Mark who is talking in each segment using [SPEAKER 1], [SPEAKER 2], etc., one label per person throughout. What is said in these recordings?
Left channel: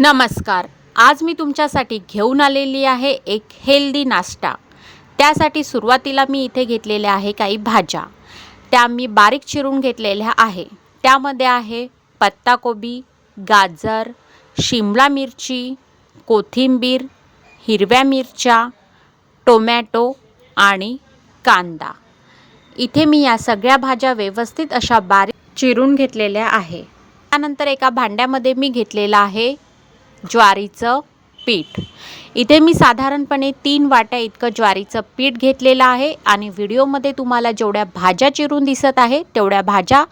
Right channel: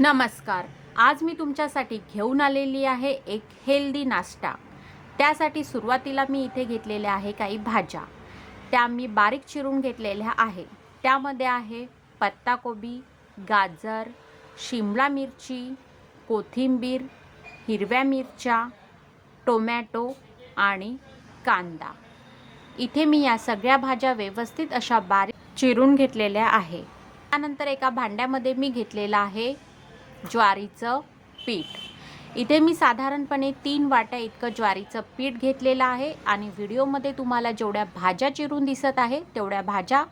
[SPEAKER 1] नमस्कार. आज मी तुमच्यासाठी घेऊन आलेली आहे एक हेल्दी नाश्ता. त्यासाठी सुरुवातीला मी इथे घेतलेल्या आहे काही भाज्या. त्या मी बारीक चिरून घेतलेल्या आहे. त्यामध्ये आहे पत्ताकोबी गाजर शिमला मिरची कोथिंबीर हिरव्या मिरच्या टोमॅटो आणि कांदा. इथे मी या सगळ्या भाज्या व्यवस्थित अशा बारीक चिरून घेतलेल्या आहे. त्यानंतर एका भांड्यामध्ये मी घेतलेला आहे ज्वारीचं पीठ. इथे मी साधारणपणे तीन वाट्या इतकं ज्वारीचं पीठ घेतलेलं आहे आणि व्हिडिओमध्ये तुम्हाला जेवढ्या भाज्या चिरून दिसत आहे तेवढ्या भाज्या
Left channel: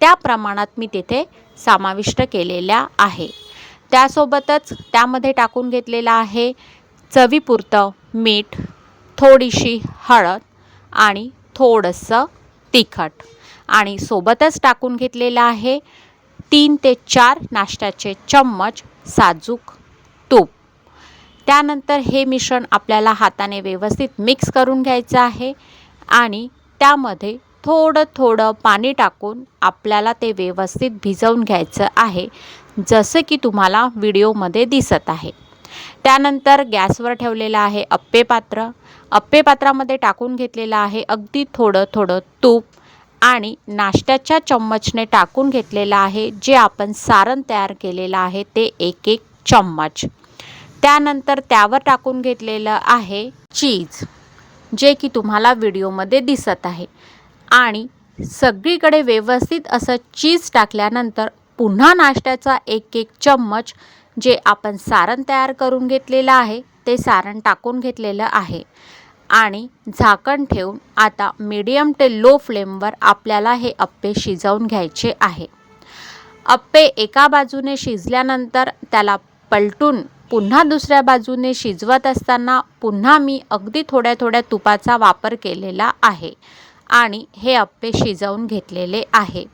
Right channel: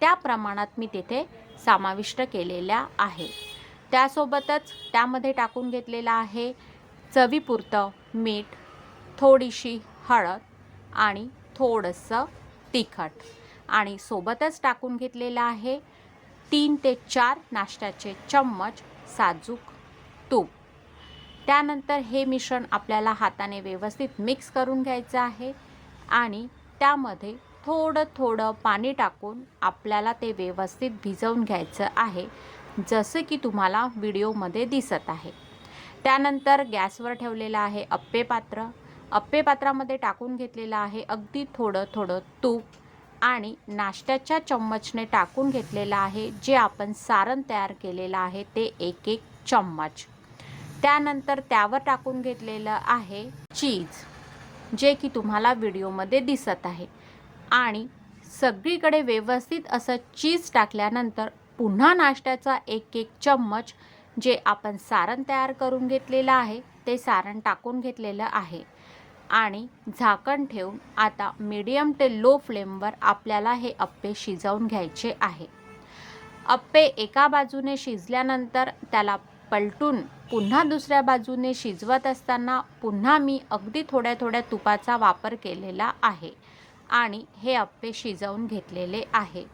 [SPEAKER 1] त्या प्रमाणात मी तिथे समाविष्ट केलेल्या आहे. त्यासोबतच त्यामध्ये टाकून घेतलेलं आहे चवीपुरतं मीठ थोडीशी हळद आणि थोडंसं तिखट. आणि सोबतच टाकून घेतलेलं आहे तीन ते चार नाश्त्याचे चम्मच साजूक तूप. त्यानंतर हे मिश्रण आपल्याला हाताने व्यवस्थित मिक्स करून घ्यायचं आहे आणि त्यामध्ये थोडं थोडं पाणी टाकून आपल्याला ते व्यवस्थित भिजवून घ्यायचं आहे जसं की तुम्हाला व्हिडिओमध्ये दिसत आहे. त्यानंतर गॅसवर ठेवलेलं आहे अप्पे पात्र अप्पे पात्रामध्ये टाकून घेतलेलं आहे अगदी थोडं थोडं तूप. आणि नाश्त्याच्या चम्मचने टाकून घेतलेलं आहे जे आपण सारण तयार केलेलं आहे ते एक एक चम्मच. त्यानंतर त्यावर टाकून घेतलेलं आहे चीज जे की तुम्हाला व्हिडिओमध्ये दिसत आहे. आणि सगळीकडे व्यवस्थित असं चीज टाकल्यानंतर पुन्हा नाश्त्याचा एक एक चम्मच जे आपण सारण तयार करून घेतलेलं आहे ते सारण टाकून घेतलेलं आहे. आणि झाकण ठेवून आता मीडियम ते लो फ्लेमवर आपल्याला हे अप्पे शिजवून घ्यायचे आहे. अप्पे एका बाजूने शिजल्यानंतर त्याला पलटून पुन्हा दुसऱ्या बाजूने शिजवत असताना पुन्हा मी अगदी थोड्या थोड्या तुपाचा वापर केलेला आहे आणि हे अप्पे शिजवून घेतलेले आहे.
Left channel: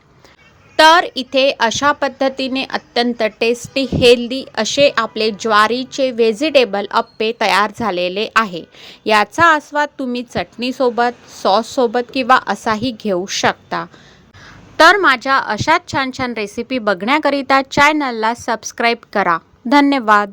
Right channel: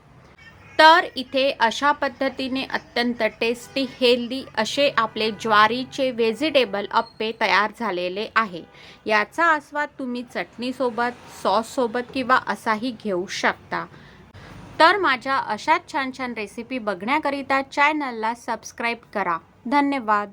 [SPEAKER 1] तर इथे अशा पद्धतीने अत्यंत टेस्टी हेल्दी असे आपले ज्वारीचे व्हेजिटेबल अप्पे तयार झालेले आहे. याचा आस्वाद तुम्ही चटणीसोबत सॉससोबत किंवा असाही घेऊ शकता. तर माझ्या अशाच छान छान रेसिपी बघण्याकरिता चॅनलला सबस्क्राईब करा. धन्यवाद.